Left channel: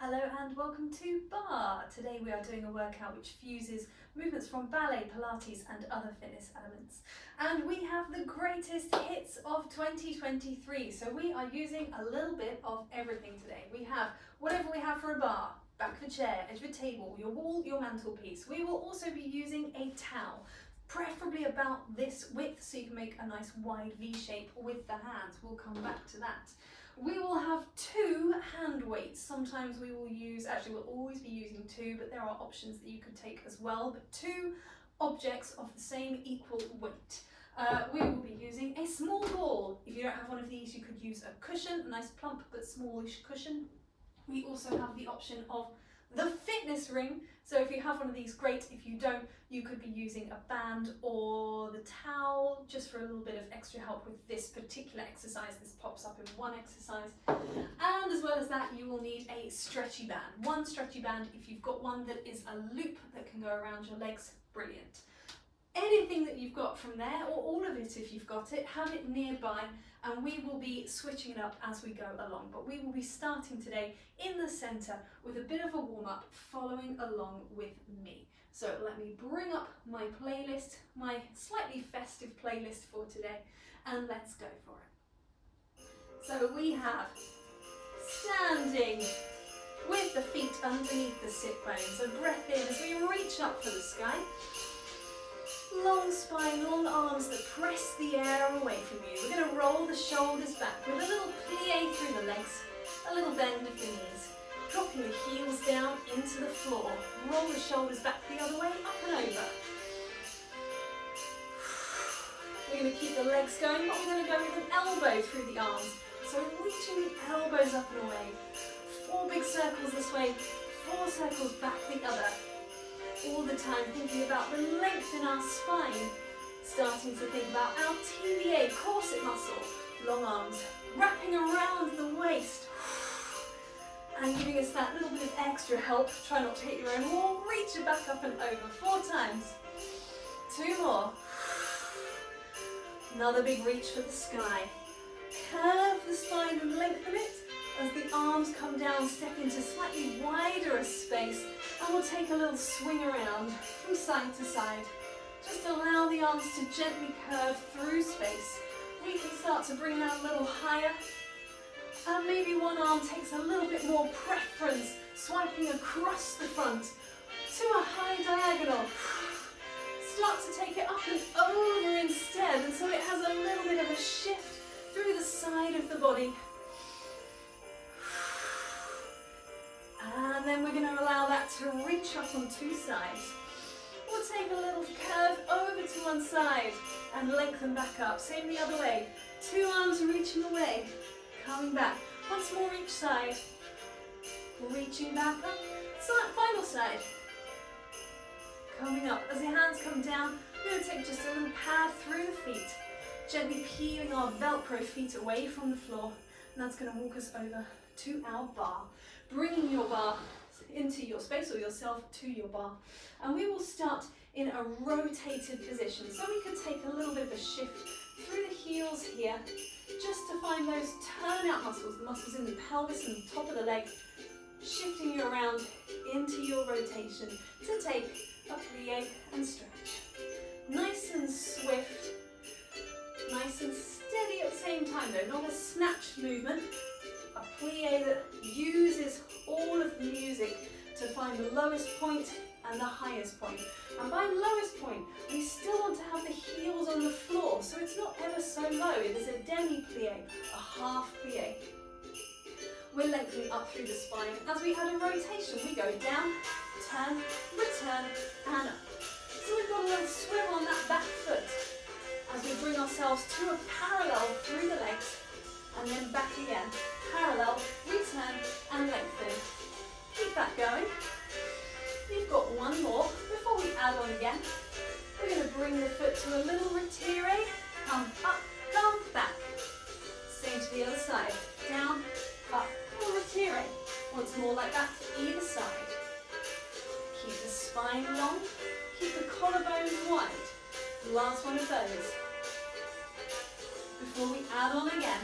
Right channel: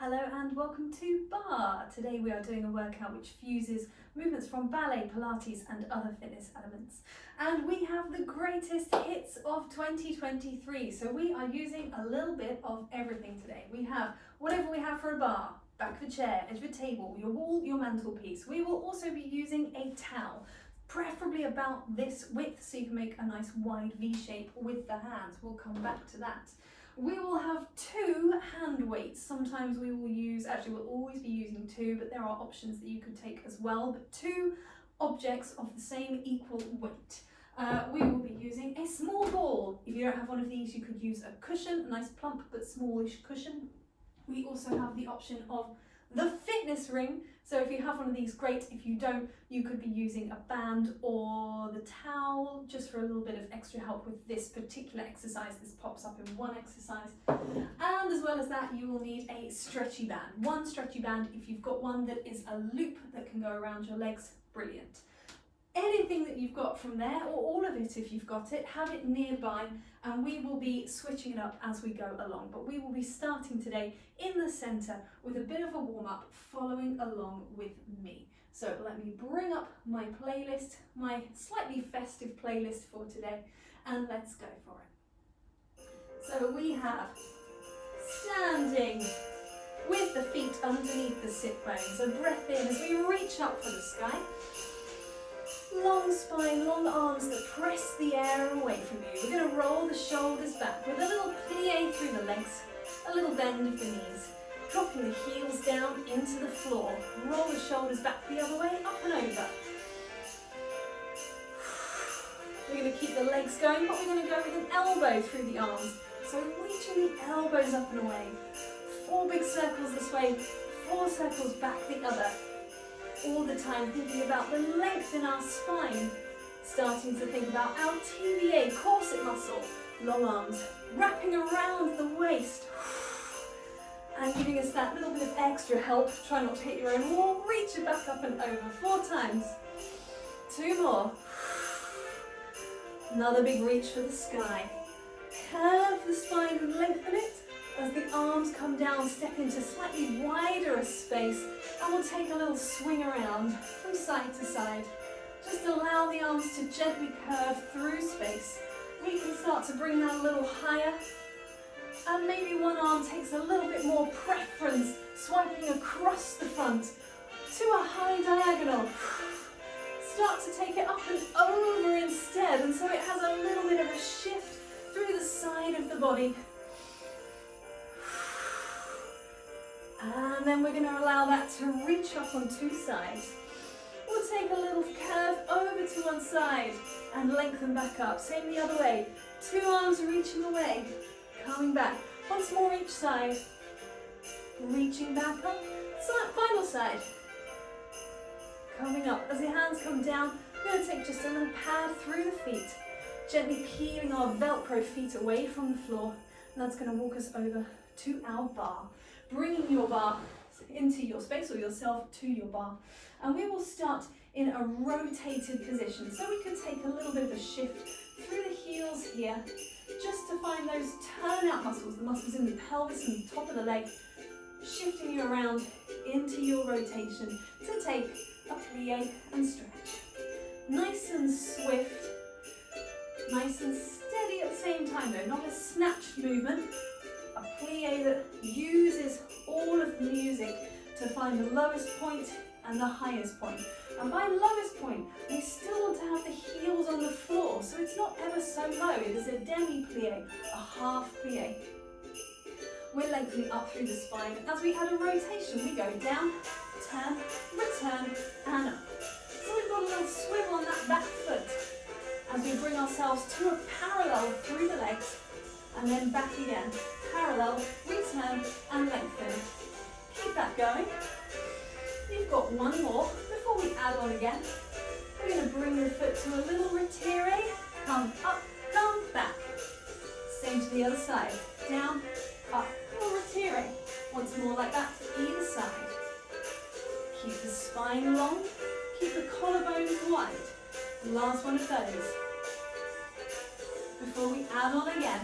Hello and welcome to Barre. Today we are doing a workout which fuses movements from ballet, Pilates and other fitness elements. And we have the greatest hits of 2023. So we are using a little bit of everything today. We have whatever we have for a bar, back of a chair, edge of a table, your wall, your mantelpiece. We will also be using a towel, preferably about this width so you can make a nice wide V shape with the hands. We'll come back to that. We will have two hand weights. Sometimes we will use, actually we'll always be using two, but there are options that you could take as well, but two objects of the same equal weight. We will be using a small ball. If you don't have one of these, you could use a cushion, a nice plump but smallish cushion. We also have the option of the fitness ring. So if you have one of these, great. If you don't, you could be using a band or the towel just for a little bit of extra help with this particular exercise. This pops up in one exercise. And as well as that, you will need a stretchy band. One stretchy band. If you've got one that is a loop that can go around your legs, brilliant. Anything that you've got from there, or all of it if you've got it, have it nearby, and we will be switching it up as we go along. But we will be starting today in the centre with a bit of a warm-up, following along with me. So let me bring up my playlist, my slightly festive playlist for today, and let's go for it. So we have standing with the feet underneath the sit bones. So breath in as we reach up for the sky. Long spine, long arms that press the air away from you. We're going to roll the shoulders back with a little plie through the legs, a little bend of the knees, dropping the heels down into the floor. Roll the shoulders back the other way, up and over. We're going to keep the legs going, but we're going to go with an elbow through the arms. So reaching the elbows up and away. 4 big circles this way, 4 circles back the other. All the time thinking about the length in our spine, starting to think about our TVA, corset muscle, long arms, wrapping around the waist, and giving us that little bit of extra help. Try not to hit your own wall, reach it back up and over, 4 times, 2 more, another big reach for the sky, curve the spine and lengthen it. As the arms come down, step into slightly wider a space, and we'll take a little swing around from side to side. Just allow the arms to gently curve through space. We can start to bring that a little higher, and maybe one arm takes a little bit more preference, swiping across the front to a high diagonal. Start to take it up and over instead, and so it has a little bit of a shift through the side of the body. And then we're going to allow that to reach up on 2 sides. We'll take a little curve over to one side and lengthen back up. Same the other way. 2 arms reaching away, coming back. Once more each side. Reaching back up. Final side. Coming up. As the hands come down, we're going to take just a little pad through the feet. Gently peeling our Velcro feet away from the floor. And that's going to walk us over to our bar. Bringing your bar into your space or yourself to your bar, and we will start in a rotated position. So we could take a little bit of a shift through the heels here, just to find those turnout muscles, the muscles in the pelvis and the top of the leg, shifting you around into your rotation to take a plie and stretch. Nice and swift, nice and steady at the same time though, not a snatched movement. A plie that uses all of the music to find the lowest point and the highest point. And by lowest point, we still want to have the heels on the floor, so it's not ever so low. It is a demi-plie, a half plie. We're lengthening up through the spine. As we add a rotation, we go down, turn, return, and up. So we've got a little swivel on that back foot as we bring ourselves to a parallel through the legs, and then back again. Parallel, return, and lengthen. Keep that going. You've got one more. Before we add on again, we're going to bring the foot to a little retire. Come up, come back. Same to the other side. Down, up, little retire. Once more like that to either side. Keep the spine long. Keep the collarbones wide. Last one of those. Before we add on again,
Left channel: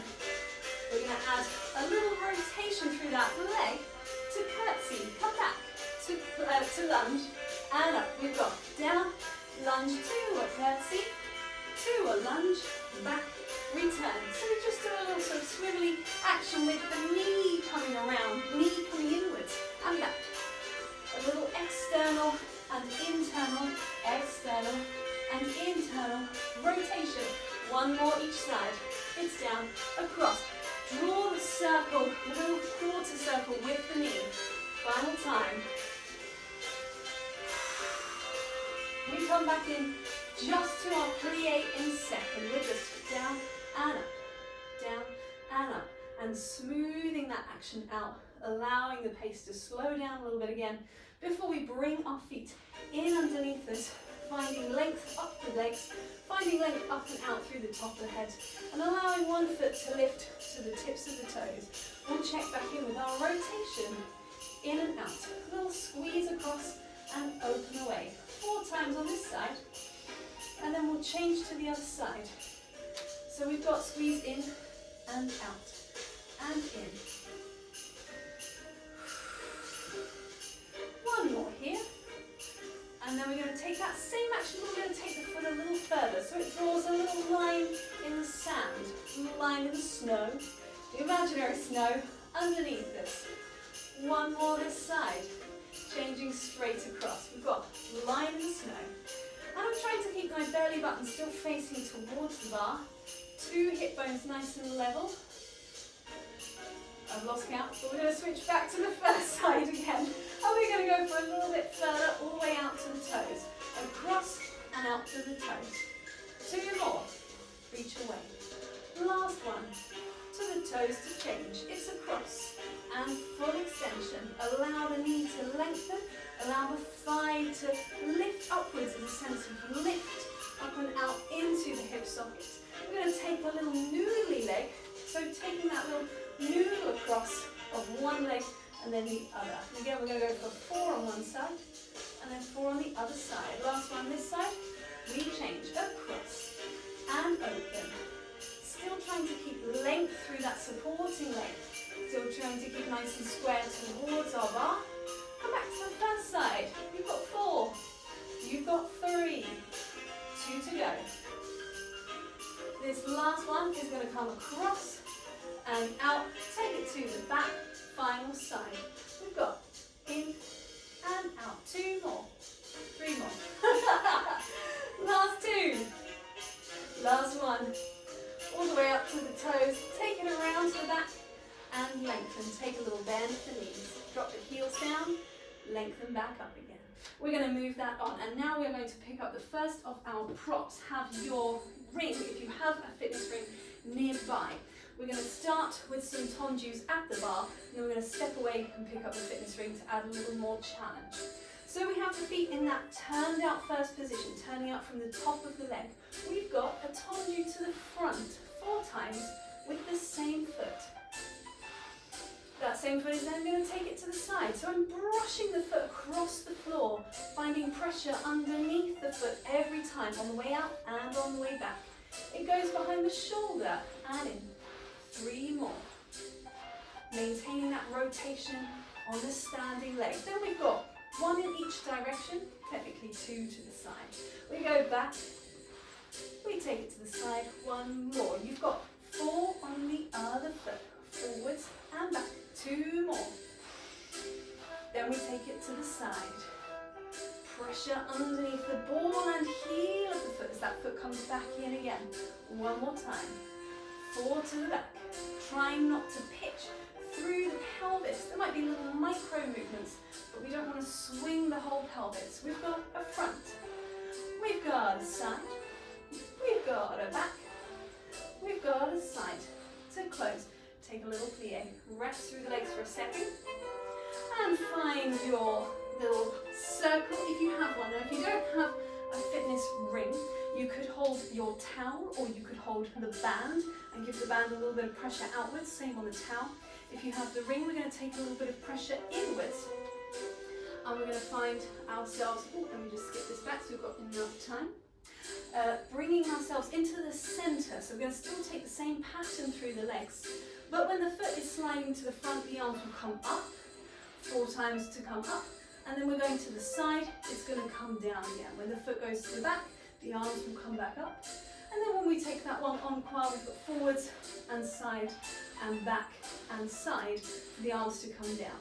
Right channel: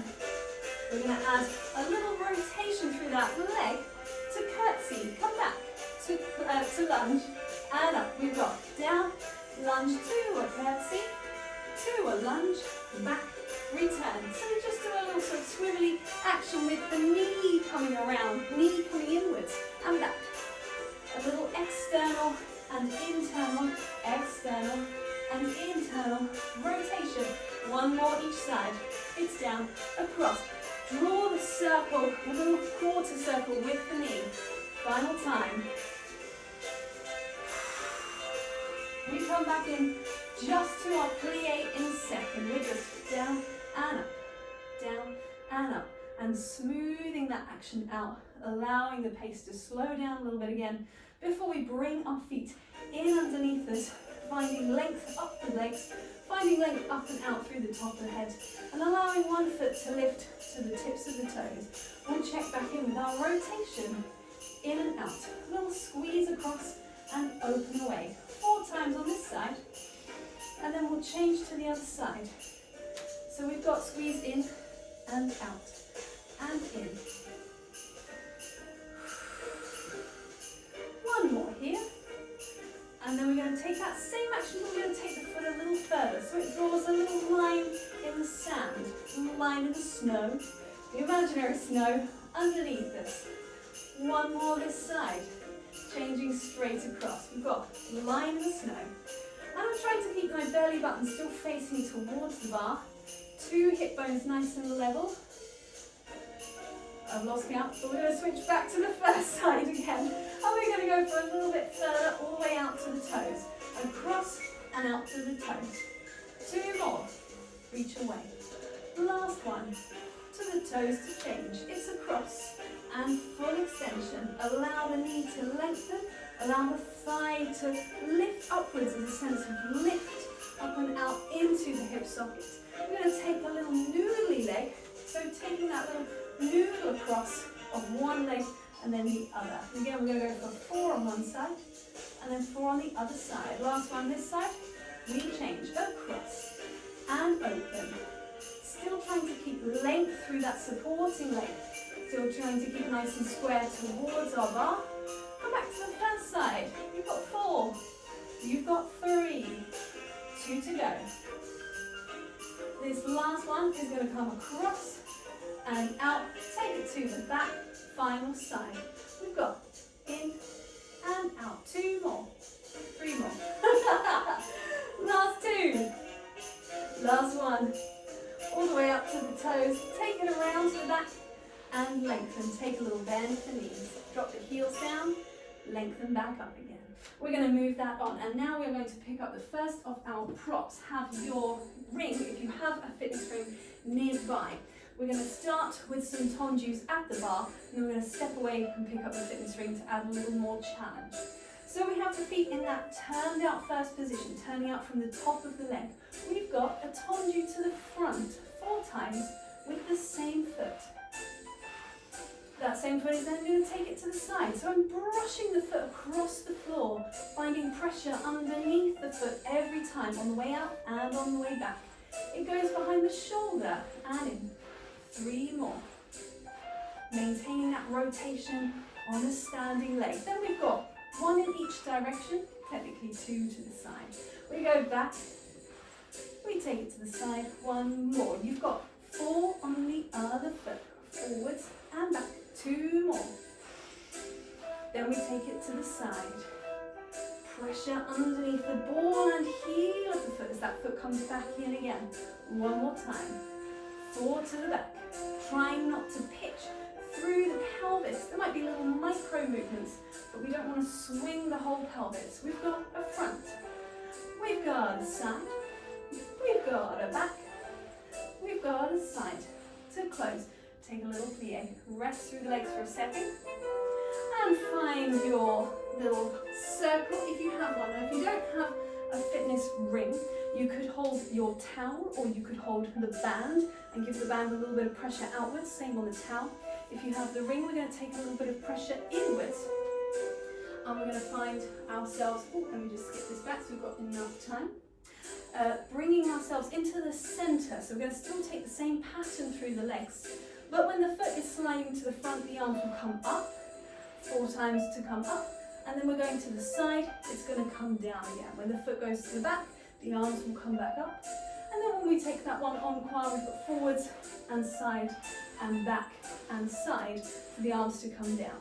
we're going to add a little rotation through that leg to curtsy, come back, to lunge, and up. We've got down, lunge to a curtsy, to a lunge, back, return. So we just do a little sort of swivelly action with the knee coming around, knee coming inwards and back. A little external and internal, external and internal rotation. One more each side. It's down, across. Draw the circle, a little quarter circle with the knee. Final time. We come back in just to our plie in a second. We're just down and up, down and up, and smoothing that action out, allowing the pace to slow down a little bit again before we bring our feet in underneath us, finding length up the legs, finding length up and out through the top of the head, and allowing one foot to lift to the tips of the toes. We'll check back in with our rotation, in and out. A little squeeze across and open away. 4 times on this side, and then we'll change to the other side. So we've got squeeze in and out, and in. One more here. And then we're going to take that same action, we're going to take the foot a little further. So it draws a little line in the sand, a little line in the snow, the imaginary snow underneath us. One more this side, changing straight across. We've got a line in the snow. And I'm trying to keep my belly button still facing towards the bar. 2 hip bones nice and level. I've lost count, but we're going to switch back to the first side again. And we're going to go for a little bit further, all the way out to the toes. Across and out to the toes. 2 more. Reach away. Last one. To the toes to change. It's across and full extension. Allow the knee to lengthen. Allow the thigh to lift upwards as a sense of lift up and out into the hip sockets. We're going to take a little noodly leg. So taking that little noodle across of one leg and then the other. And again, we're going to go for 4 on one side and then 4 on the other side. Last one this side. We change across and open. Still trying to keep length through that supporting leg. Still trying to keep nice and square towards our bar. Come back to the first side. You've got 4. You've got 3. 2 to go. This last one is going to come across and out. Take it to the back. Final side. We've got in and out. 2 more. 3 more. Last 2. Last one. All the way up to the toes. Take it around to the back and lengthen. Take a little bend at the knees. Drop the heels down. Lengthen back up again. We're going to move that on, and now we're going to pick up the first of our props. Have your ring, if you have a fitness ring, nearby. We're going to start with some tondus at the bar, and then we're going to step away and pick up the fitness ring to add a little more challenge. So we have the feet in that turned out first position, turning out from the top of the leg. We've got a tondu to the front 4 times with the same foot. That same foot is then going to take it to the side. So I'm brushing the foot across the floor, finding pressure underneath the foot every time on the way out and on the way back. It goes behind the shoulder and in. 3 more. Maintaining that rotation on the standing leg. Then we've got 1 in each direction, technically 2 to the side. We go back, we take it to the side, 1 more. You've got 4 on the other foot, forwards and back, 2 more. Then we take it to the side. Pressure underneath the ball and heel of the foot as that foot comes back in again. 1 more time. 4 to the back. Trying not to pitch through the pelvis. There might be little micro movements, but we don't want to swing the whole pelvis. We've got a front. We've got a side. We've got a back. We've got a side. To close, take a little plie. Rest through the legs for a second. And find your little circle if you have one. Now, if you don't have a fitness ring, you could hold your towel or you could hold the band and give the band a little bit of pressure outwards, same on the towel. If you have the ring, we're going to take a little bit of pressure inwards and we're going to find ourselves, let me just skip this back so we've got enough time. Bringing ourselves into the center, so we're going to still take the same pattern through the legs, but when the foot is sliding to the front, the arms will come up, 4 times to come up, and then we're going to the side, it's going to come down again. When the foot goes to the back, the arms will come back up. And then when we take that one en croix, we've got forwards and side and back and side for the arms to come down.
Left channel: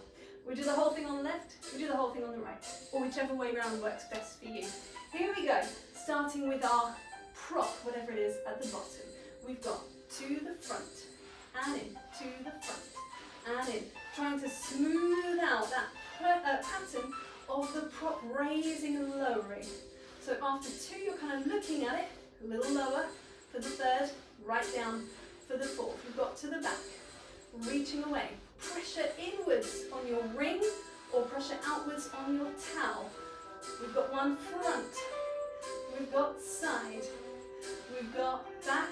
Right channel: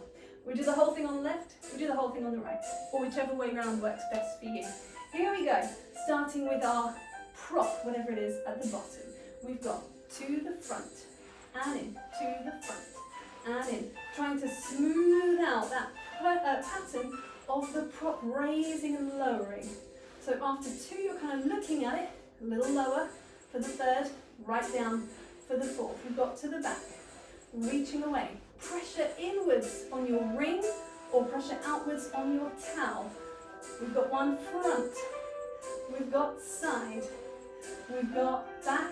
We do the whole thing on the left, we do the whole thing on the right, or whichever way round works best for you. Here we go, starting with our prop, whatever it is, at the bottom. We've got to the front, and in, to the front, and in. Trying to smooth out that pattern of the prop raising and lowering. So after 2, you're kind of looking at it, a little lower for the 3rd, right down for the 4th. We've got to the back, reaching away. Pressure inwards on your ring or pressure outwards on your towel. We've got one front, we've got side, we've got back,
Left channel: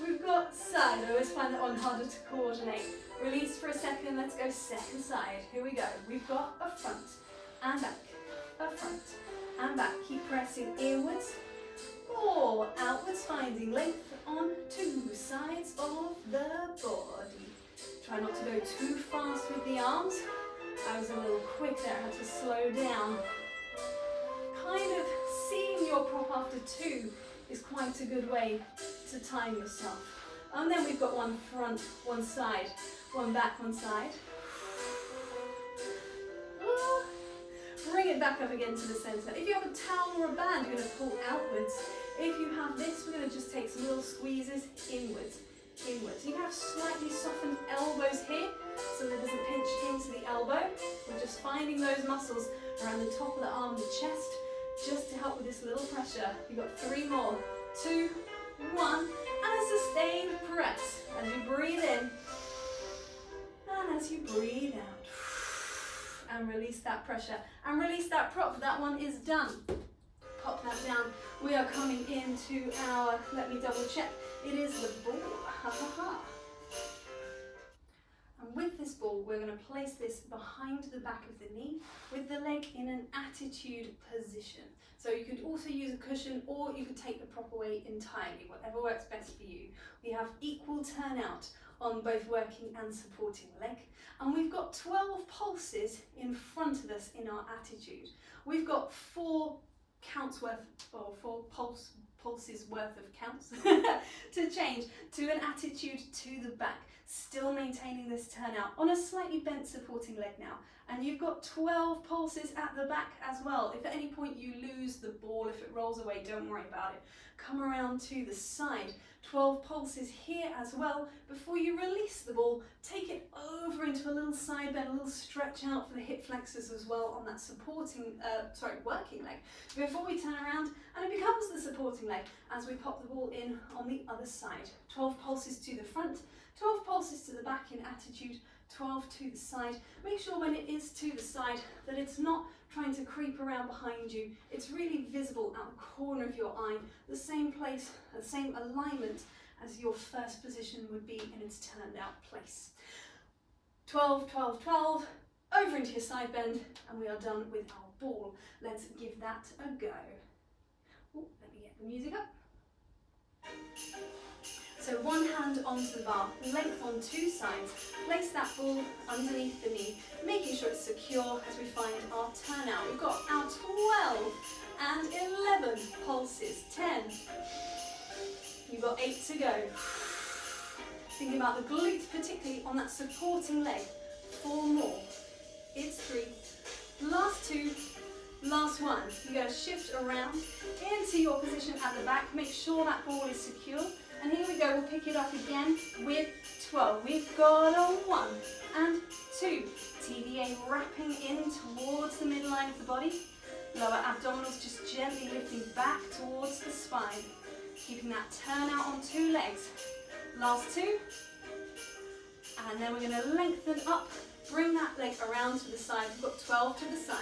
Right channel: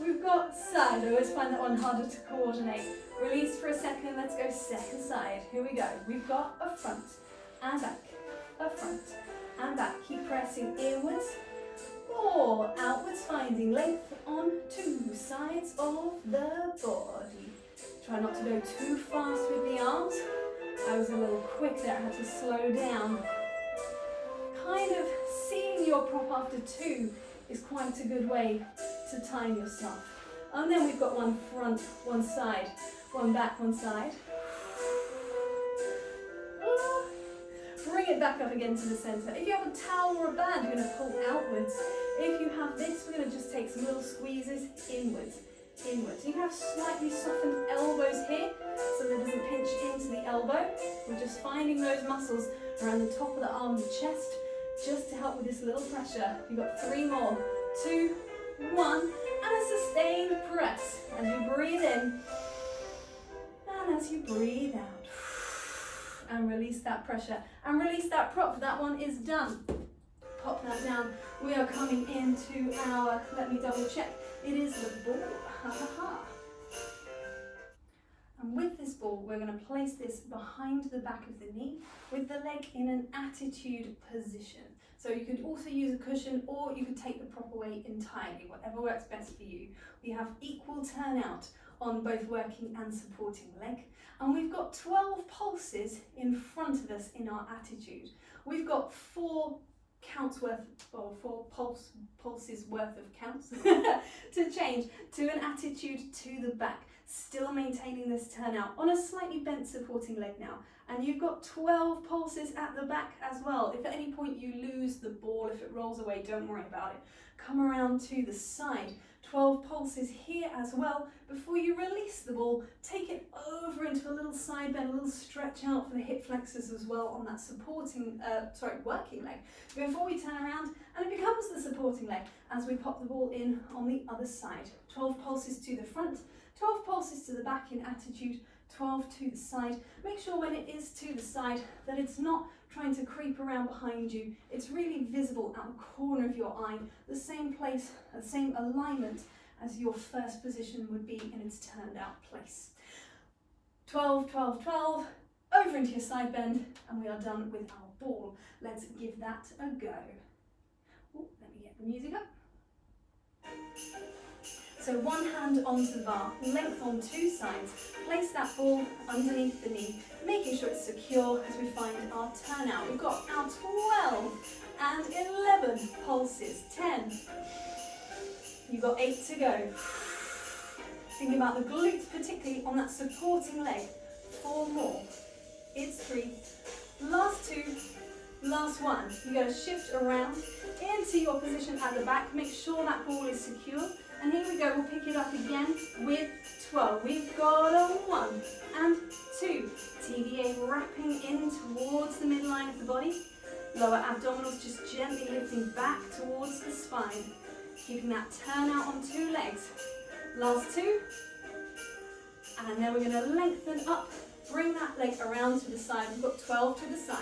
we've got side. I always find that one harder to coordinate. Release for a second, let's go second side. Here we go. We've got a front and back, a front and back. Keep pressing inwards or outwards, finding length on 2 sides of the body. Try not to go too fast with the arms. I was a little quick there, I had to slow down. Kind of seeing your prop after 2 is quite a good way to time yourself. And then we've got one front, one side, one back, one side. Bring it back up again to the center. If you have a towel or a band, you're going to pull outwards. If you have this, we're going to just take some little squeezes inwards, inwards. You can have slightly softened elbows here, so that it doesn't pinch into the elbow. We're just finding those muscles around the top of the arm, the chest, just to help with this little pressure. You've got 3 more. 2, 1, and a sustained press. As you breathe in, and as you breathe out. And release that pressure. And release that prop. That one is done. Pop that down. We are coming into our, let me double check. It is the ball. Ha ha ha. And with this ball, we're going to place this behind the back of the knee with the leg in an attitude position. So you could also use a cushion, or you could take the prop away entirely, whatever works best for you. We have equal turnout on both working and supporting leg. And we've got 12 pulses in front of us in our attitude. We've got 4 counts worth, or 4 pulses worth of counts to change to an attitude to the back, still maintaining this turnout on a slightly bent supporting leg now. And you've got 12 pulses at the back as well. If at any point you lose the ball, if it rolls away, don't worry about it. Come around to the side. 12 pulses here as well. Before you release the ball, take it over into a little side bend, a little stretch out for the hip flexors as well on that supporting, working leg. Before we turn around, and it becomes the supporting leg as we pop the ball in on the other side. 12 pulses to the front, 12 pulses to the back in attitude, 12 to the side. Make sure when it is to the side that it's not trying to creep around behind you. It's really visible at the corner of your eye, the same place, the same alignment as your first position would be in its turned out place. 12, 12, 12, over into your side bend, and we are done with our ball. Let's give that a go. Ooh, let me get the music up. So one hand onto the bar, length on 2 sides. Place that ball underneath the knee, making sure it's secure as we find our turnout. We've got our 12 and 11 pulses. 10. You've got 8 to go. Thinking about the glutes, particularly on that supporting leg. 4 more. It's 3. Last 2. Last 1. You're going to shift around into your position at the back. Make sure that ball is secure. And here we go, we'll pick it up again with 12. We've got a 1 and 2. TVA wrapping in towards the midline of the body. Lower abdominals just gently lifting back towards the spine. Keeping that turnout on 2 legs. Last 2. And then we're going to lengthen up. Bring that leg around to the side. We've got 12 to the side.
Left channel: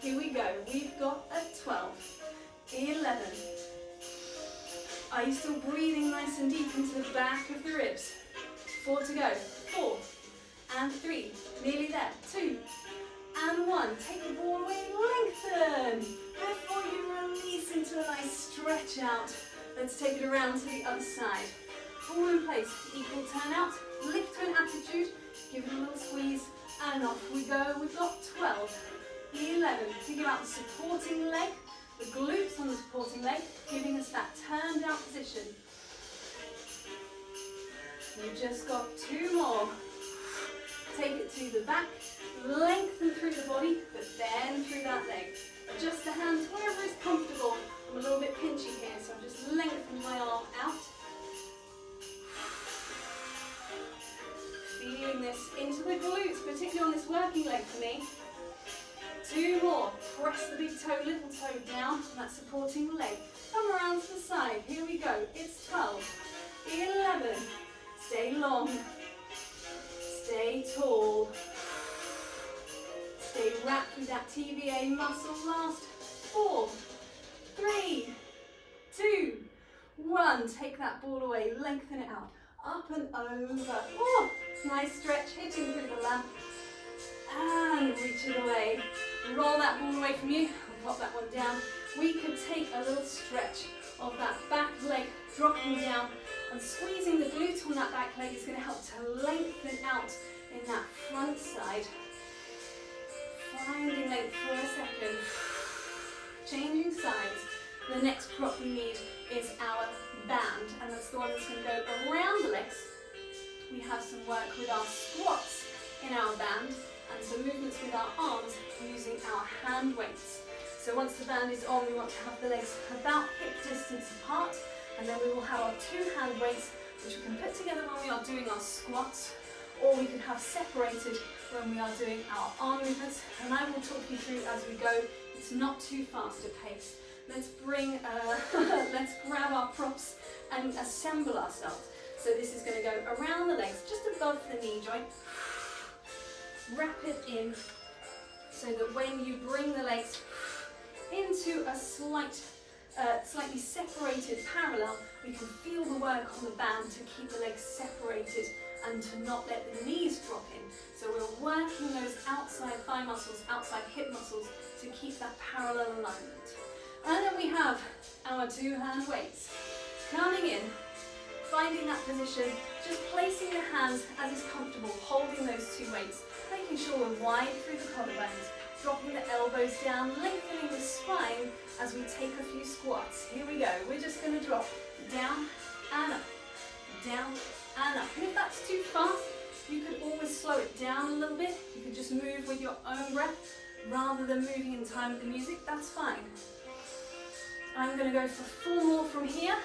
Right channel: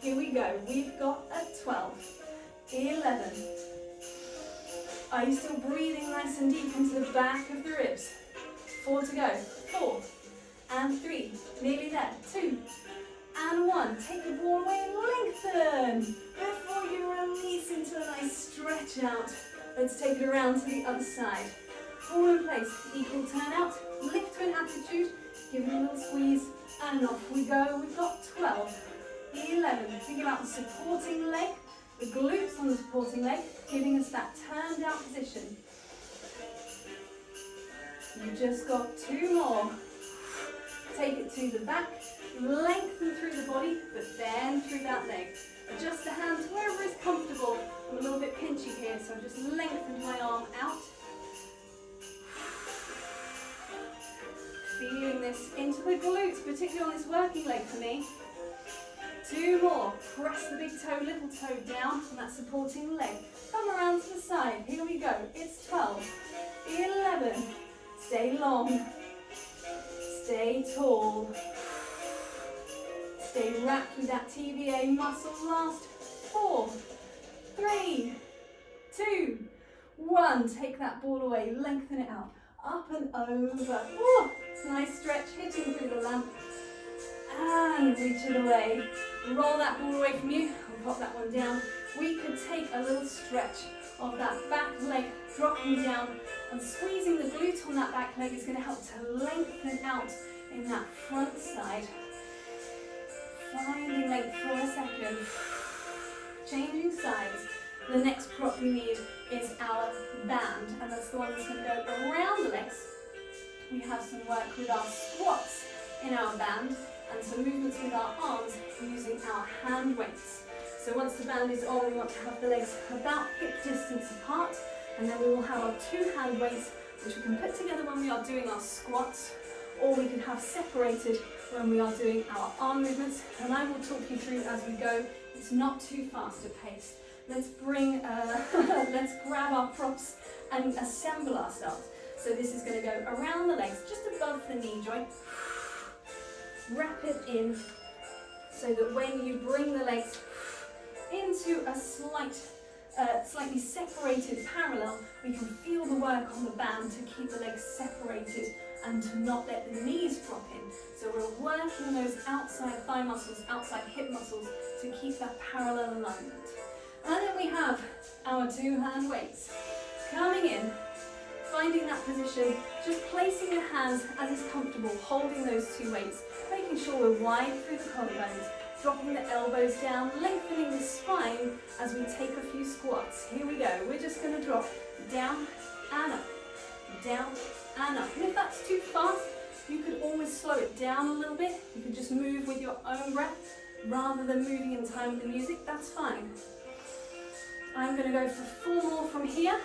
Here we go. We've got a 12. 11. Are you still breathing nice and deep into the back of the ribs? 4 to go. 4 and 3. Nearly there. 2 and 1. Take the ball away and lengthen. Before you release into a nice stretch out. Let's take it around to the other side. All in place. Equal turnout. Lift to an attitude. Give it a little squeeze And off we go. We've got 12, 11. Think about the supporting leg, the glutes on the supporting leg, giving us that turned out position. You've just got 2 more. Take it to the back, lengthen through the body, but bend through that leg. Adjust the hands wherever is comfortable. I'm a little bit pinchy here, so I've just lengthened my arm out. Feeling this into the glutes, particularly on this working leg for me. 2 more. Press the big toe, little toe down on that supporting leg. Come around to the side. Here we go. It's 12, 11. Stay long. Stay tall. Stay wrapped with that TVA muscle. Last 4, 3, 2, 1. Take that ball away. Lengthen it out. Up and over. Oh, nice stretch, hitting through the lamp. And reach it away. Roll that ball away from you. I'll pop that one down. We could take a little stretch of that back leg, dropping down and squeezing the glute on that back leg is going to help to lengthen out in that front side. Finding length for a second. Changing sides. The next prop we need is our band, and that's the one that's going to go around the legs. We have some work with our squats in our band and some movements with our arms using our hand weights. So once the band is on, we want to have the legs about hip distance apart, and then we will have our 2 hand weights, which we can put together when we are doing our squats, or we can have separated when we are doing our arm movements, and I will talk you through as we go. It's not too fast a pace. Let's let's grab our props and assemble ourselves. So this is going to go around the legs, just above the knee joint. Wrap it in so that when you bring the legs into a slightly separated parallel, we can feel the work on the band to keep the legs separated and to not let the knees drop in. So we're working those outside thigh muscles, outside hip muscles to keep that parallel alignment. And then we have our 2 hand weights. Coming in, finding that position, just placing the hands as is comfortable, holding those 2 weights, making sure we're wide through the collarbones, dropping the elbows down, lengthening the spine as we take a few squats. Here we go. We're just going to drop down and up, down and up. And if that's too fast, you could always slow it down a little bit. You could just move with your own breath rather than moving in time with the music. That's fine. I'm going to go for 4 more from here.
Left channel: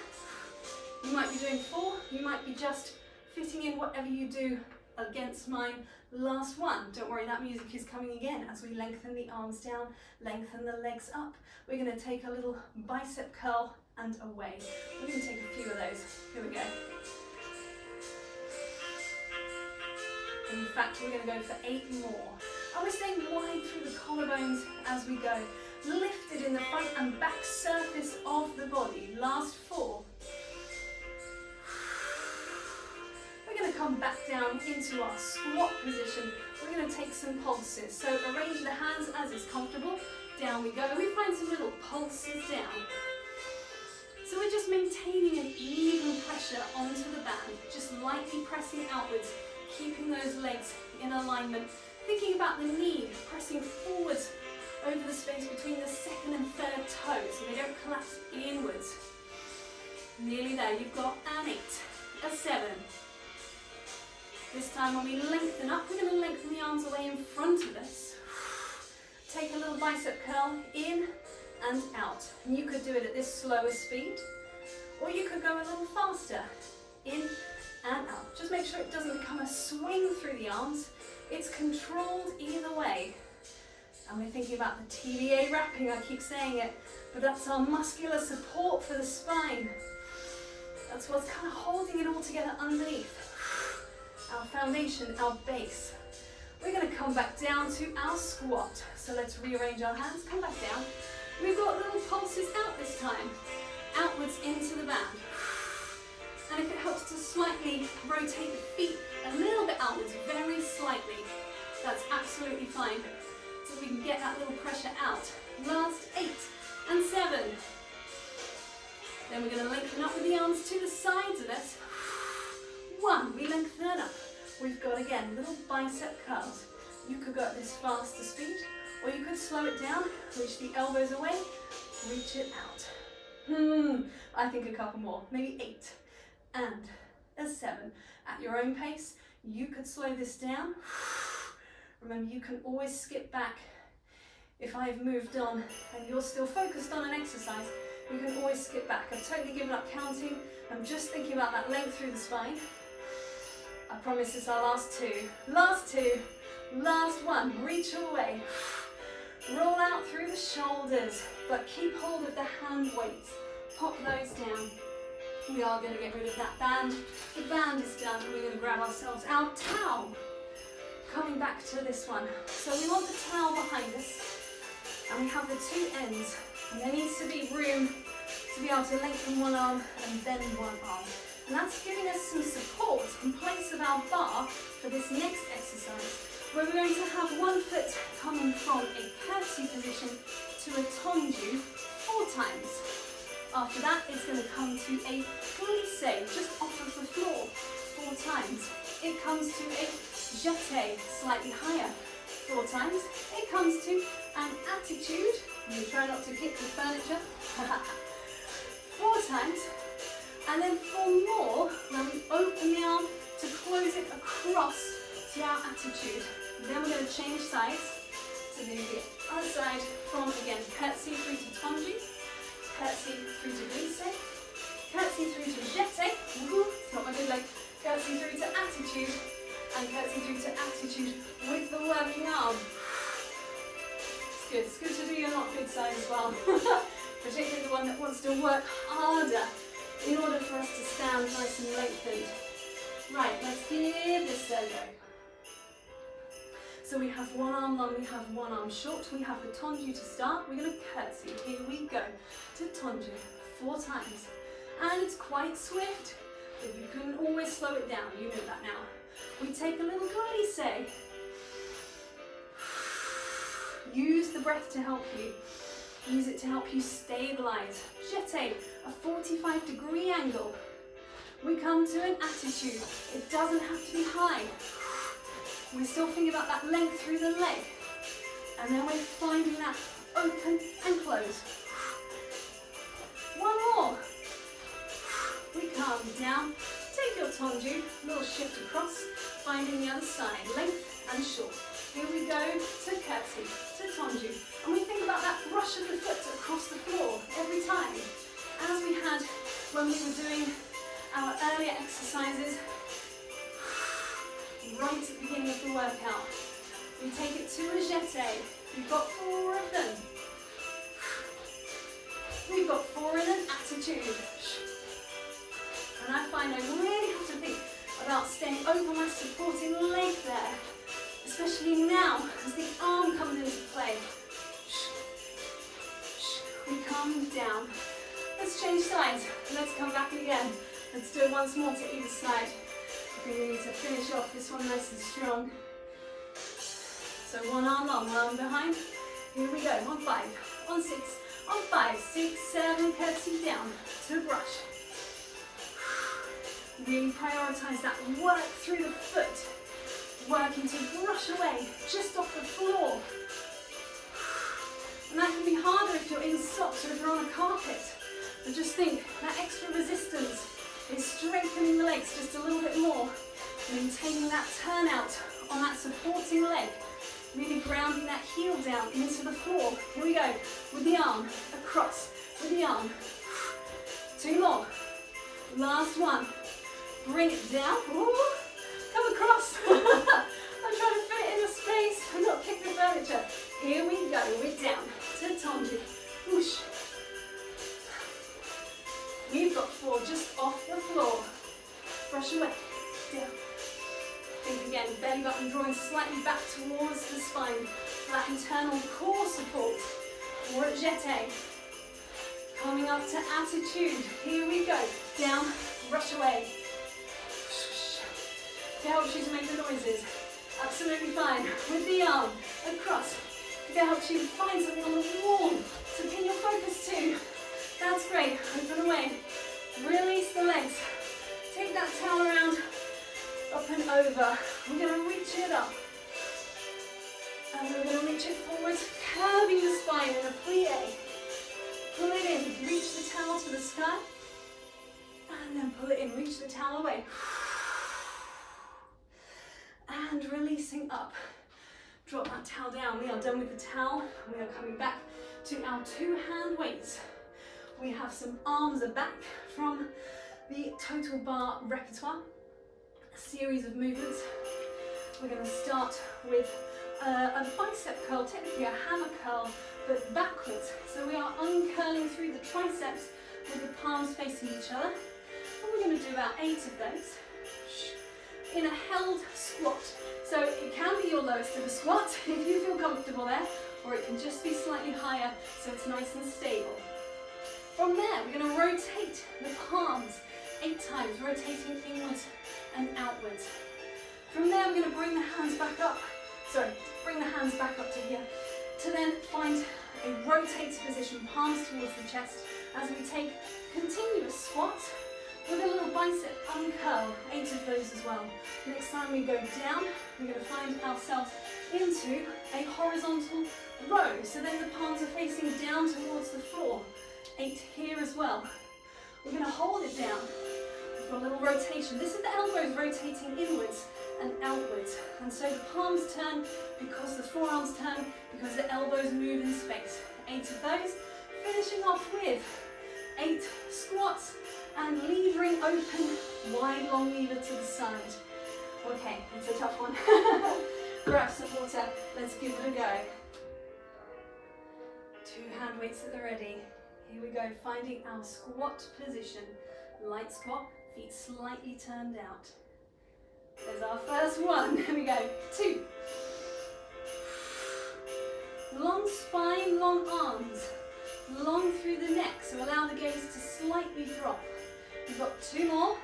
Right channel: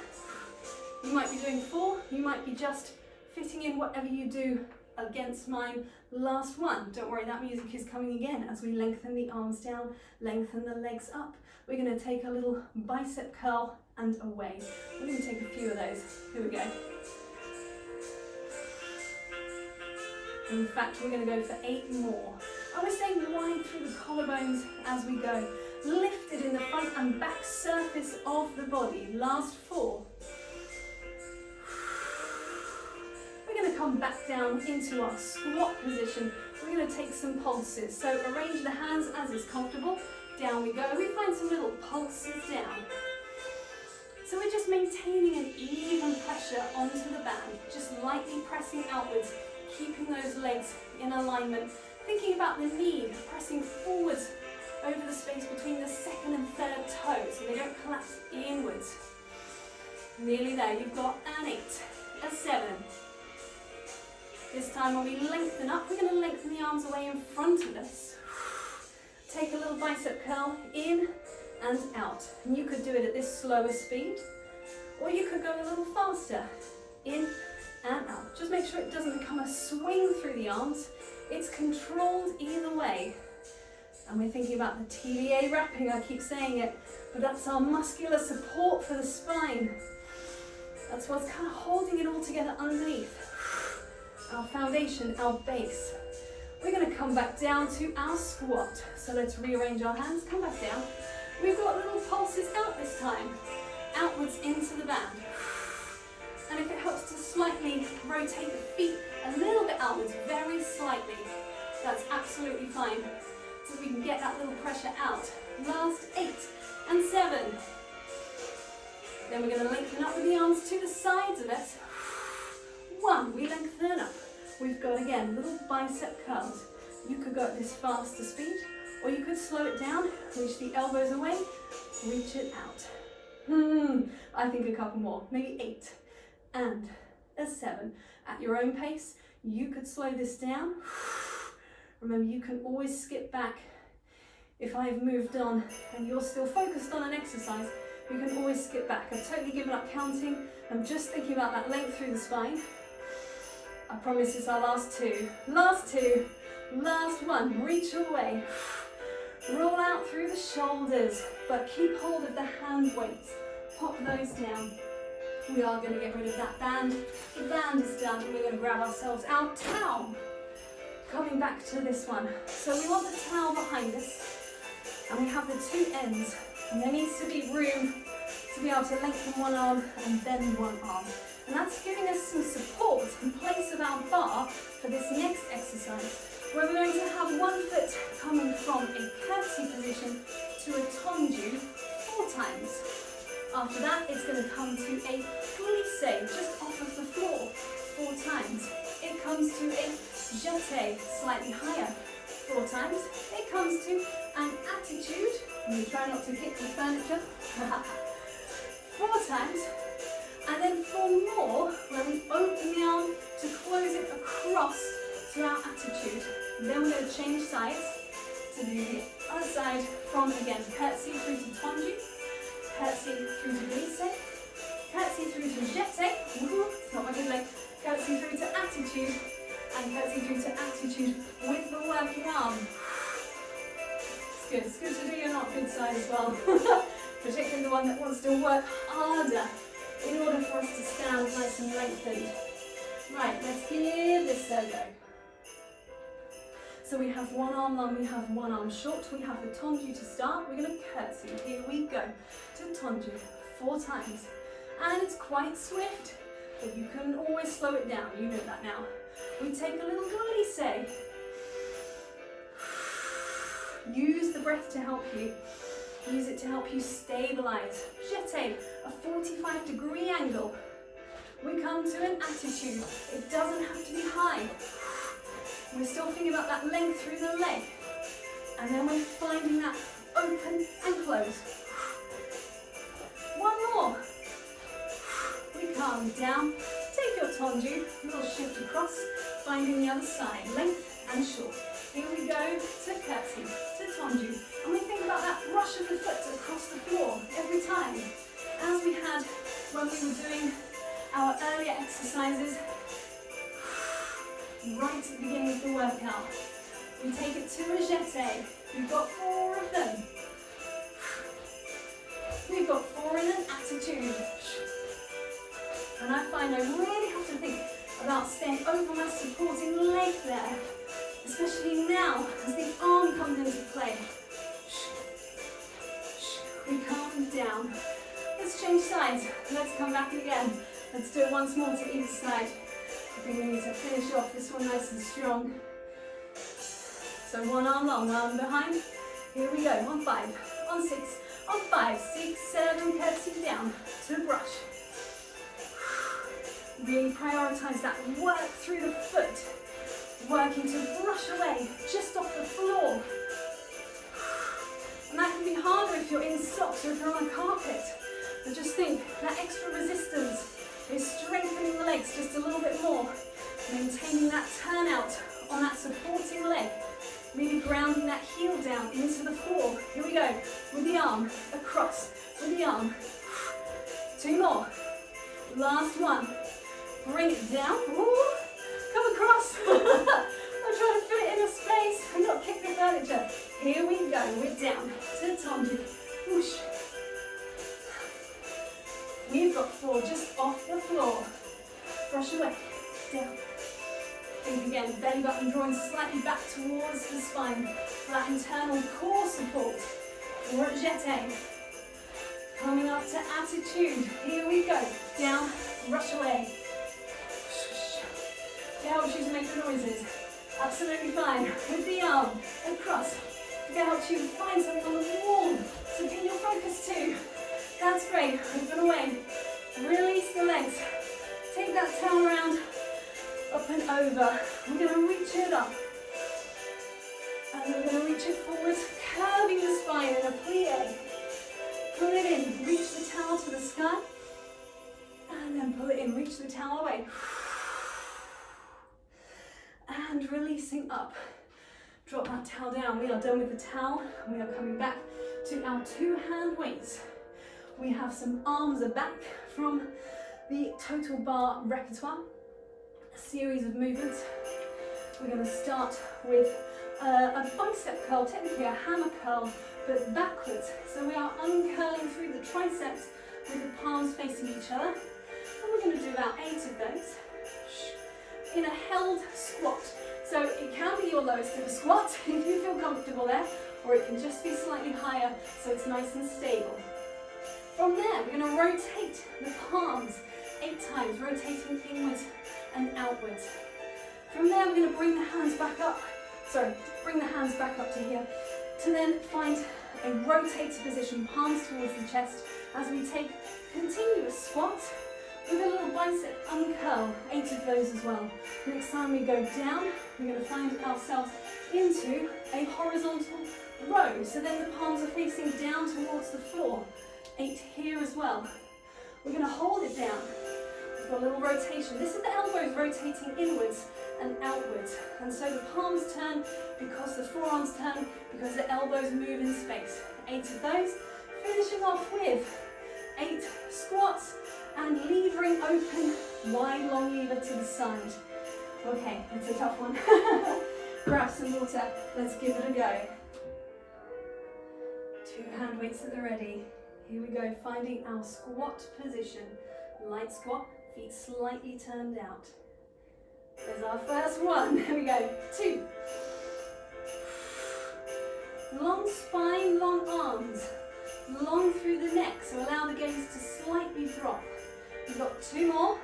You might be doing 4, you might be just fitting in whatever you do against mine. Last one. Don't worry, that music is coming again as we lengthen the arms down, lengthen the legs up. We're going to take a little bicep curl and away. We're going to take a few of those. Here we go. In fact, we're going to go for 8 more. And we're staying wide through the collarbones as we go. Lifted in the front and back surface of the body. Last 4. We're going to come back down into our squat position. We're going to take some pulses. So arrange the hands as is comfortable. Down we go. We find some little pulses down. So we're just maintaining an even pressure onto the band. Just lightly pressing outwards, keeping those legs in alignment. Thinking about the knee pressing forwards over the space between the 2nd and 3rd toes so they don't collapse inwards. Nearly there. You've got an 8, a 7. This time when we lengthen up, we're going to lengthen the arms away in front of us. Take a little bicep curl in and out. And you could do it at this slower speed, or you could go a little faster. In and out. Just make sure it doesn't become a swing through the arms. It's controlled either way. And we're thinking about the TVA wrapping, I keep saying it, but that's our muscular support for the spine. That's what's kind of holding it all together underneath. Our foundation, our base. We're going to come back down to our squat. So let's rearrange our hands, come back down. We've got little pulses out this time, outwards into the band. And if it helps to slightly rotate the feet a little bit outwards, very slightly, that's absolutely fine. So we can get that little pressure out. Last 8 and 7. Then we're going to lengthen up with the arms to the sides of us. 1, we lengthen up. We've got again little bicep curls. You could go at this faster speed, or you could slow it down, reach the elbows away, reach it out. I think a couple more, maybe 8 and a 7. At your own pace, you could slow this down. Remember, you can always skip back. If I've moved on and you're still focused on an exercise, you can always skip back. I've totally given up counting. I'm just thinking about that length through the spine. I promise it's our last 2. Last 2. Last 1. Reach all the way. Roll out through the shoulders, but keep hold of the hand weights. Pop those down. We are going to get rid of that band. The band is done, and we're going to grab ourselves our towel. Coming back to this one. So we want the towel behind us, and we have the 2 ends. And there needs to be room to be able to lengthen one arm and bend one arm. And that's giving us some support in place of our bar for this next exercise, where we're going to have one foot coming from a curtsy position to a tendu 4 times. After that, it's going to come to a glisse, just off of the floor, 4 times. It comes to a jeté, slightly higher, 4 times. It comes to an attitude, and you try not to kick the furniture, 4 times. And then 4 more, where we open the arm to close it across to our attitude. Then we're going to change sides to do the other side from, again, curtsy through to tendu, curtsy through to glisse, curtsy through to jeté, it's not my good leg, curtsy through to attitude, and curtsy through to attitude with the working arm. It's good to do your not good side as well, particularly the one that wants to work harder in order for us to stand nice and lengthened. Right, let's give this a go. So we have one arm long, we have one arm short, we have the tendu to start. We're going to curtsy. Here we go to tendu 4 times. And it's quite swift, but you can always slow it down. You know that now. We take a little glisse. Use the breath to help you. Use it to help you stabilize. Jeté, a 45-degree angle. We come to an attitude. It doesn't have to be high. We're still thinking about that length through the leg. And then we're finding that open and close. 1 more. We come down. Take your tendu, little shift across, finding the other side, length and short. Here we go to curtsy, to tendu. And we think about that rush of the foot across the floor every time. As we had when we were doing our earlier exercises, right at the beginning of the workout. We take it to a jeté. We've got 4 of them. We've got 4 in an attitude. And I find I really have to think about staying over my supporting leg there, especially now as the arm comes into play. We come down. Let's change sides. Let's come back again. Let's do it once more to each side. I think we need to finish off this one nice and strong. So 1 arm long, 1 arm behind. Here we go. On 5, on 6, on 5, 6, 7, curtsy down to brush. Really prioritize that work through the foot. Working to brush away just off the floor. And that can be harder if you're in socks or if you're on a carpet. But just think, that extra resistance is strengthening the legs just a little bit more. Maintaining that turnout on that supporting leg. Really grounding that heel down into the floor. Here we go. With the arm across. With the arm. 2 more. Last one. Bring it down. Ooh. Come across. I'm trying to fit it in a space and not kick the furniture. Here we go. We're down to tendu. Whoosh. We've got 4 just off the floor. Brush away. Down. Think again, belly button drawing slightly back towards the spine for that internal core support. Or at jeté. Coming up to attitude. Here we go. Down, brush away. It helps you to make the noises. Absolutely fine. With the arm across. It helps you find something on the wall to pin your focus to. That's great. Open away. Release the legs. Take that towel around. Up and over. We're going to reach it up. And we're going to reach it forward, curving the spine in a plie. Pull it in, reach the towel to the sky. And then pull it in, reach the towel away. And releasing up. Drop that towel down. We are done with the towel. We are coming back to our 2 hand weights. We have some arms are back from the Total Barre repertoire. A series of movements. We're going to start with a bicep curl, technically a hammer curl, but backwards. So we are uncurling through the triceps with the palms facing each other. And we're going to do about 8 of those in a held squat. So it can be your lowest of a squat if you feel comfortable there, or it can just be slightly higher so it's nice and stable. From there, we're going to rotate the palms 8 times, rotating inwards and outwards. From there, we're going to bring the hands back up. Bring the hands back up to here, to then find a rotated position, palms towards the chest, as we take continuous squats with a little bicep uncurl, 8 of those as well. Next time we go down, we're going to find ourselves into a horizontal row. So then the palms are facing down towards the floor. 8 here as well. We're going to hold it down. We've got a little rotation. This is the elbows rotating inwards and outwards. And so the palms turn because the forearms turn, because the elbows move in space. 8 of those. Finishing off with 8 squats and levering open, wide long lever to the side. Okay, it's a tough one. Grab some water, let's give it a go. 2 hand weights at the ready. Here we go, finding our squat position. Light squat, feet slightly turned out. There's our first one. Here we go. 2. Long spine, long arms. Long through the neck, so allow the gaze to slightly drop. We've got 2 more.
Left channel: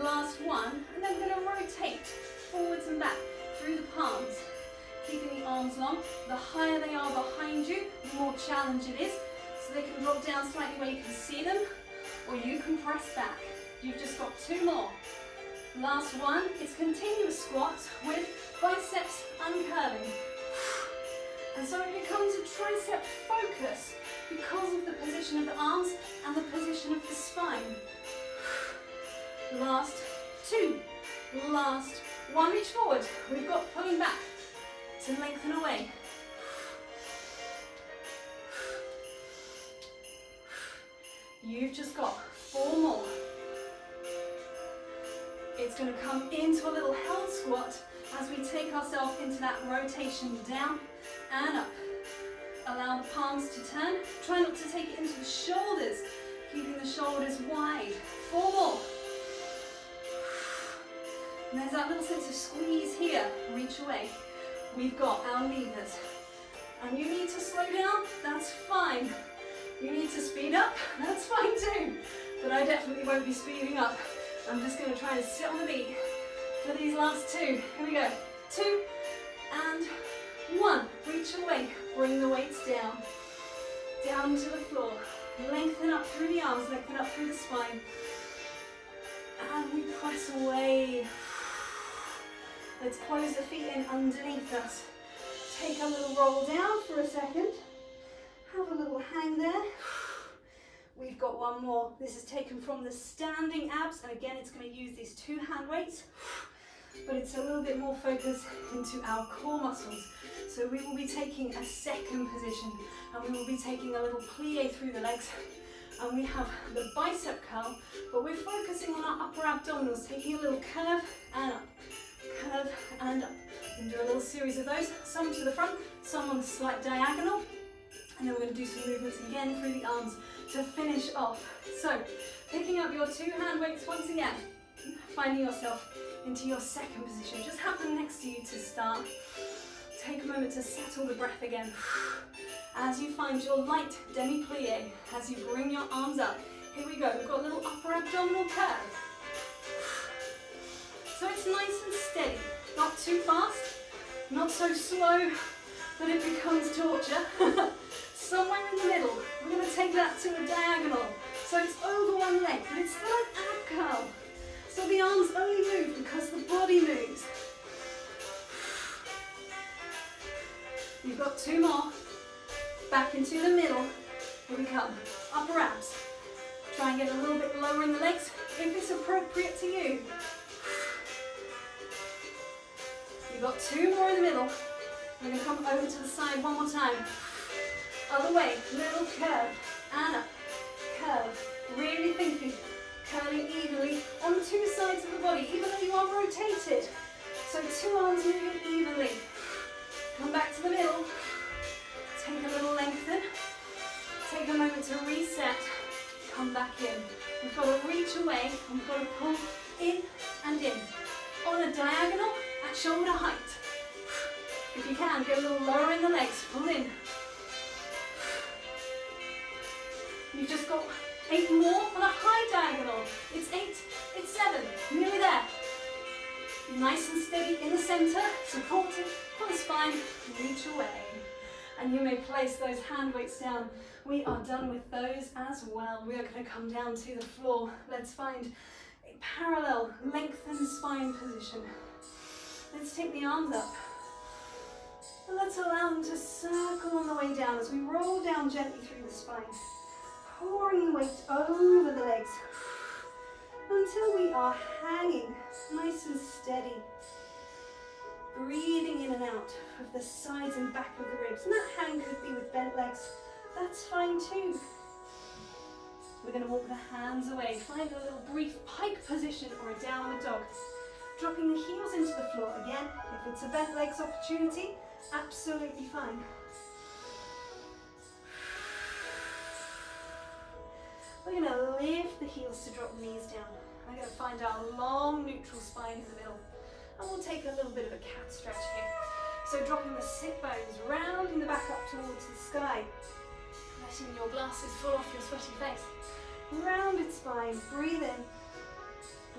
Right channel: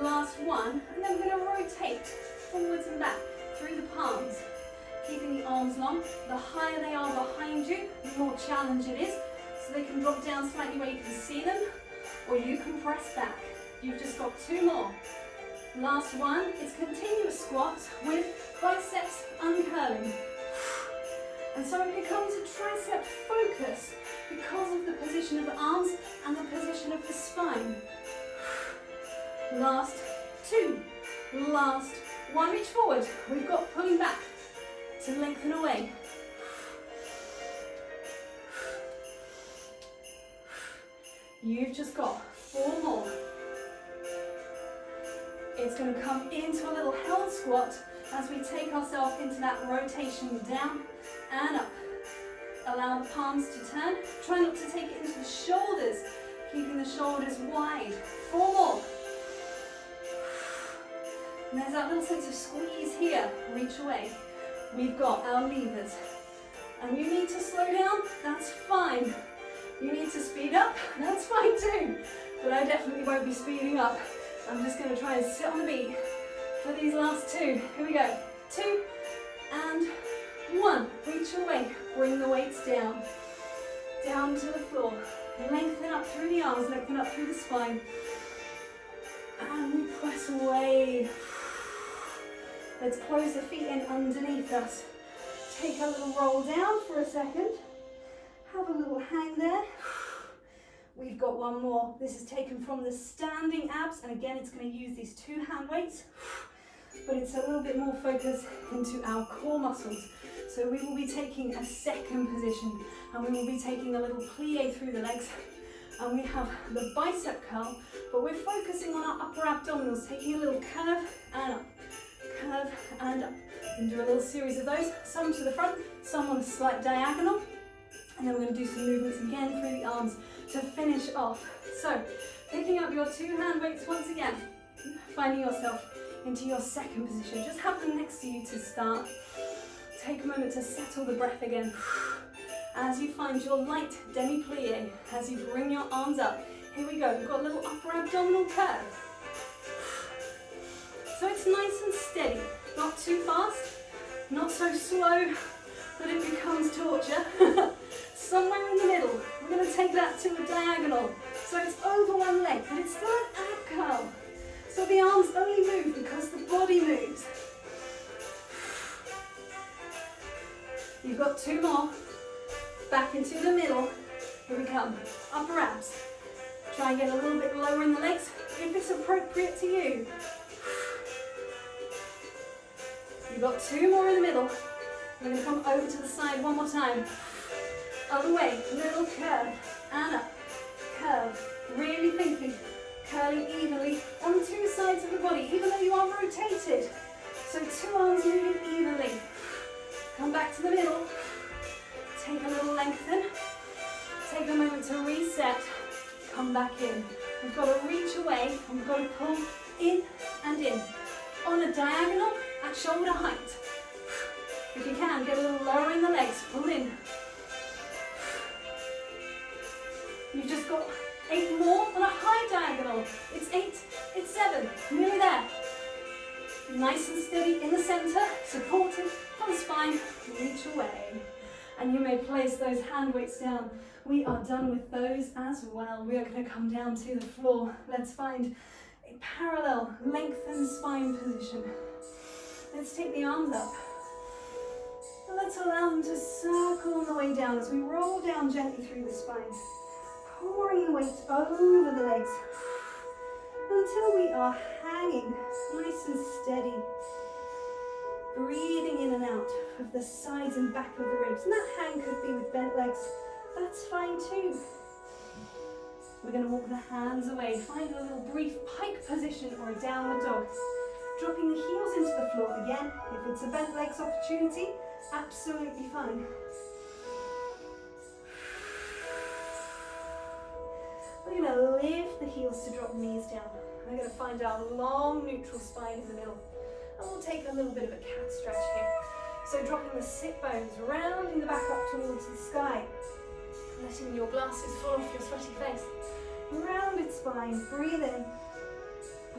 Last one. And then we're going to rotate forwards and back through the palms. Keeping the arms long. The higher they are behind you, the more challenge it is. So they can drop down slightly where you can see them, or you can press back. You've just got 2 more. Last one is continuous squats with biceps uncurling. And so it becomes a tricep focus because of the position of the arms and the position of the spine. Last 2. Last 1. Reach forward. We've got pulling back to lengthen away. You've just got 4 more. It's going to come into a little held squat as we take ourselves into that rotation down and up. Allow the palms to turn. Try not to take it into the shoulders, keeping the shoulders wide. 4 more. And there's that little sense of squeeze here. Reach away. We've got our levers. And you need to slow down, that's fine. You need to speed up, that's fine too. But I definitely won't be speeding up. I'm just going to try and sit on the beat for these last 2. Here we go. 2 and 1. Reach away. Bring the weights down. Down to the floor. Lengthen up through the arms, lengthen up through the spine. And we press away. Let's close the feet in underneath us. Take a little roll down for a second. Have a little hang there. We've got 1 more. This is taken from the standing abs, and again it's going to use these 2 hand weights, but it's a little bit more focused into our core muscles. So we will be taking a second position, and we will be taking a little plie through the legs, and we have the bicep curl, but we're focusing on our upper abdominals, taking a little curve and up, and do a little series of those, some to the front, some on a slight diagonal, and then we're going to do some movements again through the arms to finish off. So, picking up your 2 hand weights once again, finding yourself into your second position. Just have them next to you to start. Take a moment to settle the breath again. As you find your light demi-plie, as you bring your arms up. Here we go, we've got a little upper abdominal curve. So it's nice and steady, not too fast, not so slow that it becomes torture. Somewhere in the middle, we're going to take that to a diagonal. So it's over one leg, but it's still an ab curl. So the arms only move because the body moves. You've got 2 more. Back into the middle. Here we come. Upper abs. Try and get a little bit lower in the legs if it's appropriate to you. You've got 2 more in the middle. We're going to come over to the side one more time. Other way, little curve and up. Curve. Really thinking. Curling evenly on 2 sides of the body, even though you are rotated. So 2 arms moving evenly. Come back to the middle. Take a little lengthen. Take a moment to reset. Come back in. We've got to reach away and we've got to pull in and in. On a diagonal at shoulder height. If you can, get a little lower in the legs. Pull in. You've just got 8 more on a high diagonal. It's 8, it's 7, nearly there. Nice and steady in the center, supported on the spine, reach away. And you may place those hand weights down. We are done with those as well. We are going to come down to the floor. Let's find a parallel, lengthened spine position. Let's take the arms up. And let's allow them to circle on the way down as we roll down gently through the spine. Pouring the weight over the legs until we are hanging nice and steady. Breathing in and out of the sides and back of the ribs. And that hang could be with bent legs. That's fine too. We're going to walk the hands away. Find a little brief pike position or a downward dog. Dropping the heels into the floor again. If it's a bent legs opportunity, absolutely fine. We're going to lift the heels to drop the knees down. We're going to find our long neutral spine in the middle. And we'll take a little bit of a cat stretch here. So dropping the sit bones, rounding the back up towards the sky. Letting your glasses fall off your sweaty face. Rounded spine, breathe in,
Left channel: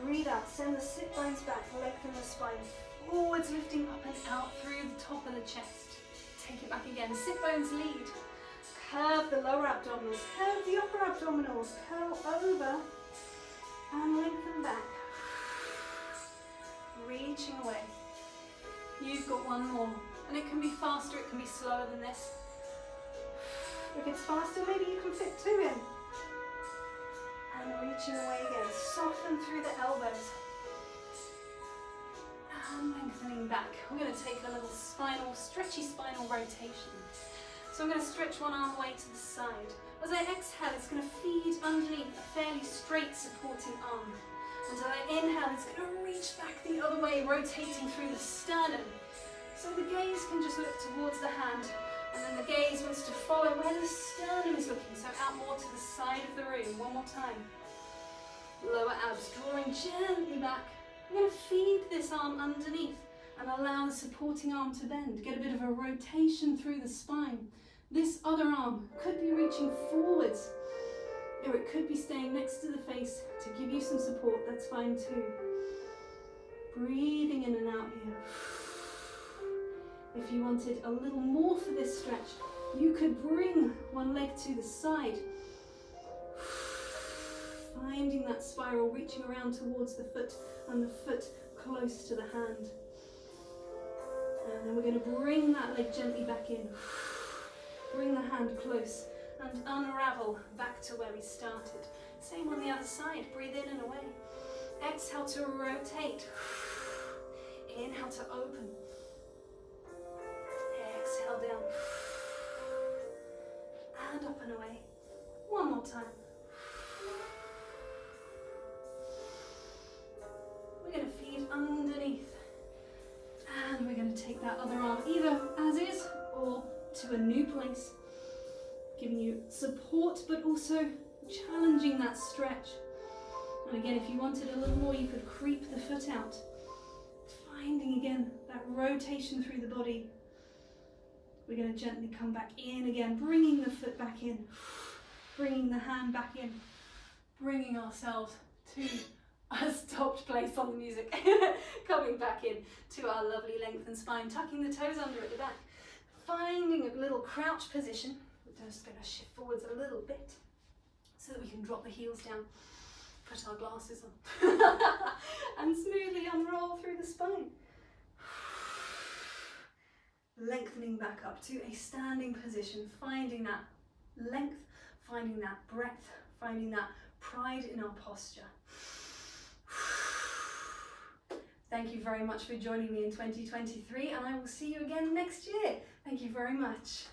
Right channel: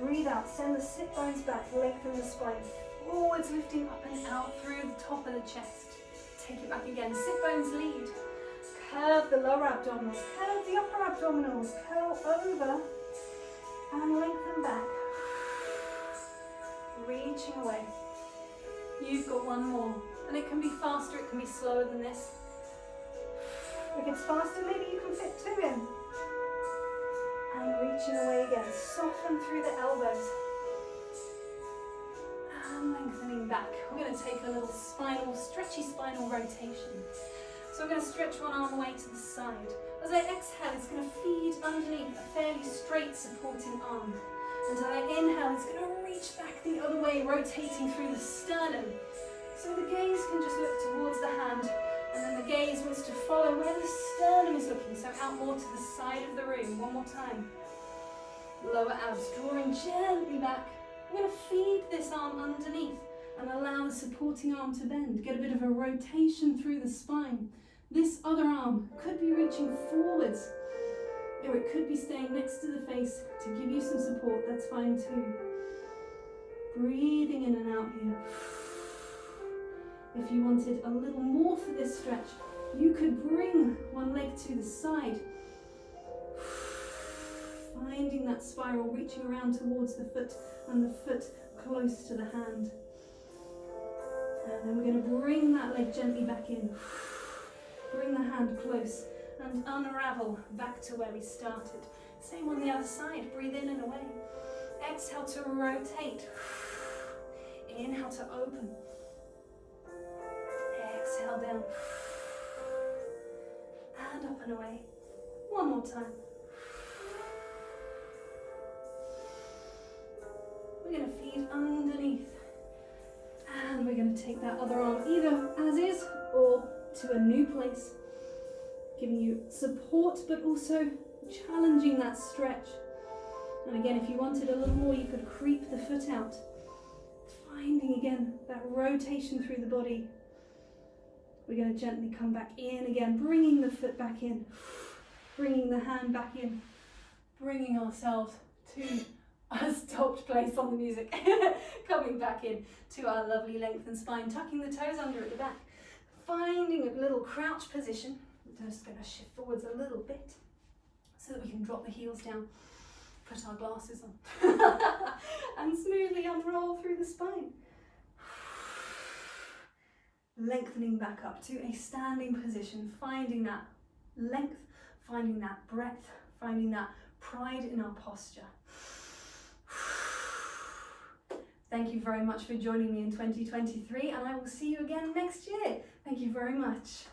breathe out. Send the sit bones back, lengthen the spine. Forwards, lifting up and out through the top of the chest. Take it back again, sit bones lead. Curve the lower abdominals, curve the upper abdominals, curl over and lengthen back. Reaching away. You've got 1 more, and it can be faster, it can be slower than this. If it's faster, maybe you can fit 2 in. And reaching away again, soften through the elbows. And lengthening back. We're going to take a little stretchy spinal rotation. So I'm going to stretch one arm away to the side. As I exhale, it's going to feed underneath a fairly straight supporting arm. And as I inhale, it's going to reach back the other way, rotating through the sternum. So the gaze can just look towards the hand, and then the gaze wants to follow where the sternum is looking, so out more to the side of the room. One more time. Lower abs, drawing gently back. I'm going to feed this arm underneath and allow the supporting arm to bend. Get a bit of a rotation through the spine. This other arm could be reaching forwards, or it could be staying next to the face to give you some support. That's fine too. Breathing in and out here. If you wanted a little more for this stretch, you could bring one leg to the side. Finding that spiral, reaching around towards the foot and the foot close to the hand. And then we're going to bring that leg gently back in. Bring the hand close and unravel back to where we started. Same on the other side. Breathe in and away. Exhale to rotate. Inhale to open. Exhale down. And up and away. One more time. We're going to feed underneath. And we're going to take that other arm either as is or to a new place. Giving you support but also challenging that stretch. And again, if you wanted a little more, you could creep the foot out. Finding again that rotation through the body. We're going to gently come back in again, bringing the foot back in, bringing the hand back in, bringing ourselves to a stopped place on the music. Coming back in to our lovely lengthened spine, tucking the toes under at the back. Finding a little crouch position. We're just going to shift forwards a little bit so that we can drop the heels down, put our glasses on, and smoothly unroll through the spine. lengthening back up to a standing position, finding that length, finding that breadth, finding that pride in our posture. Thank you very much for joining me in 2023, and I will see you again next year. Thank you very much.